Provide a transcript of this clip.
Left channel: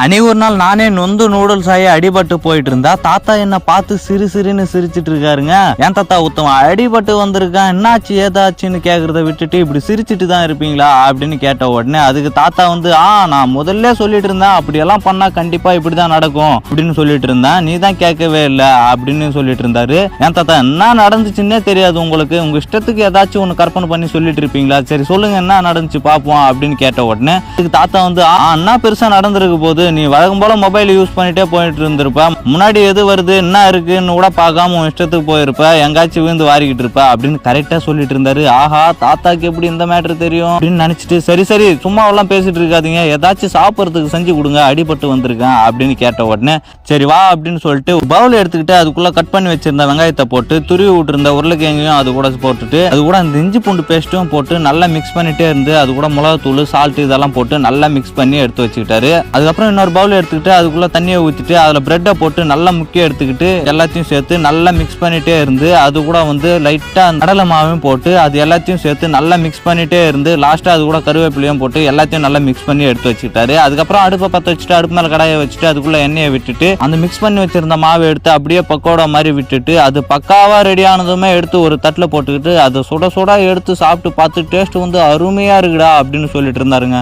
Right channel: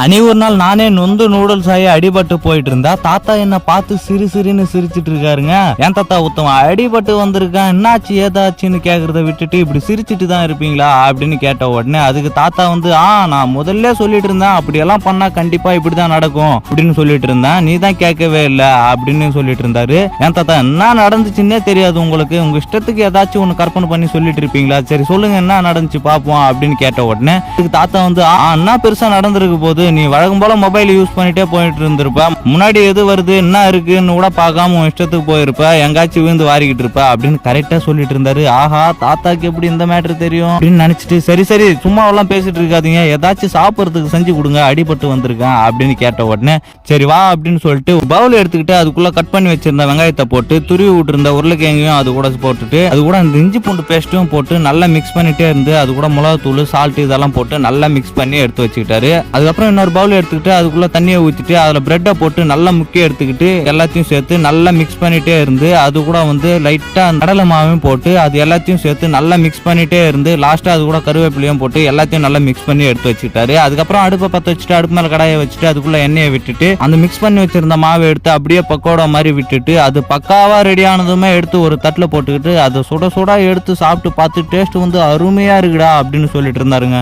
அனி ஒரு நாள் நானே நொந்து நூடுல்ஸ் ஆகி அடிபட்டு போயிட்டு இருந்தா தாத்தா என்ன பார்த்து சிறு சிறுன்னு சிரிச்சிட்டு இருக்காருங்க. ஏன் தாத்தா உத்தம அடிபட்டு வந்திருக்கேன், என்னாச்சு ஏதாச்சுன்னு கேக்குறத விட்டுட்டு இப்படி சிரிச்சிட்டு தான் இருப்பீங்களா அப்படின்னு கேட்ட உடனே அதுக்கு தாத்தா வந்து நான் முதல்ல சொல்லிட்டு இருந்தேன் அப்படியெல்லாம் பண்ணா கண்டிப்பா இப்படிதான் நடக்கும் அப்படின்னு சொல்லிட்டு இருந்தேன், நீ தான் கேட்கவே இல்லை அப்படின்னு சொல்லிட்டு இருந்தாரு. ஏன் தாத்தா என்ன நடந்துச்சுன்னே தெரியாது உங்களுக்கு, உங்க இஷ்டத்துக்கு ஏதாச்சும் ஒண்ணு கற்பனை பண்ணி சொல்லிட்டு இருப்பீங்களா, சரி சொல்லுங்க என்ன நடந்துச்சு பாப்போம் அப்படின்னு கேட்ட உடனே அதுக்கு தாத்தா வந்து என்ன பெருசா நடந்திருக்கு போது, நீ வழக்கம் போல மொபைல் யூஸ் பண்ணிட்டே போயிட்டு இருந்திருப்ப, முன்னாடி எது வருது என்ன இருக்குன்னு கூட பார்க்காம உன் இஷ்டத்துக்கு போயிருப்ப, எங்காச்சும் விழுந்து வாரிக்கிட்டு இருப்ப அப்படின்னு கரெக்டா சொல்லிட்டு இருந்தாரு. ஆஹா தாத்தாக்கு எப்படி இந்த மேட்டர் தெரியும் அப்படின்னு நினைச்சிட்டு சரி சரி சும்மா எல்லாம் பேசிட்டு இருக்காதீங்க, ஏதாச்சும் சாப்பிட்றதுக்கு செஞ்சு கொடுங்க அடிபட்டு வந்திருக்கேன் அப்படின்னு கேட்ட உடனே சரி வா அப்படின்னு சொல்லிட்டு பவுல் எடுத்துக்கிட்டு அதுக்குள்ள கட் பண்ணி வச்சிருந்த வெங்காயத்தை போட்டு துருவி விட்டுருந்த உருளைக்கிழங்கையும் அது கூட போட்டுட்டு அது கூட இந்த இஞ்சி பூண்டு பேஸ்ட்டும் போட்டு நல்லா மிக்ஸ் பண்ணிட்டே இருந்து அது கூட மிளகாத்தூள் சால்ட் இதெல்லாம் போட்டு நல்லா மிக்ஸ் பண்ணி எடுத்து வச்சுக்கிட்டாரு. அதுக்கப்புறம் இன்னொரு பவுல் எடுத்துக்கிட்டு அதுக்குள்ள தண்ணியை ஊற்றிட்டு அதுல பிரெட்டை போட்டு நல்லா முக்கிய எடுத்துக்கிட்டு எல்லாத்தையும் சேர்த்து நல்லா மிக்ஸ் பண்ணிட்டே இருந்து அது கூட வந்து லைட்டா கடலை மாவையும் போட்டு அது எல்லாத்தையும் சேர்த்து நல்லா மிக்ஸ் பண்ணிட்டே இருந்து லாஸ்டா அது கூட கருவேப்பிலையும் போட்டு எல்லாத்தையும் நல்லா மிக்ஸ் பண்ணி எடுத்து வச்சுக்கிட்டாரு. அதுக்கப்புறம் அடுப்பை பற்ற வச்சுட்டு அடுப்பு மேல கடாயை வச்சுட்டு அதுக்குள்ள எண்ணெயை விட்டுட்டு அந்த மிக்ஸ் பண்ணி வச்சிருந்த மாவை எடுத்து அப்படியே பக்கோடா மாதிரி விட்டுட்டு அது பக்காவா ரெடி ஆனதுமே எடுத்து ஒரு தட்டுல போட்டுக்கிட்டு அதை சுட சுட எடுத்து சாப்பிட்டு பார்த்து டேஸ்ட் வந்து அருமையா இருக்குடா அப்படின்னு சொல்லிட்டு இருந்தாருங்க.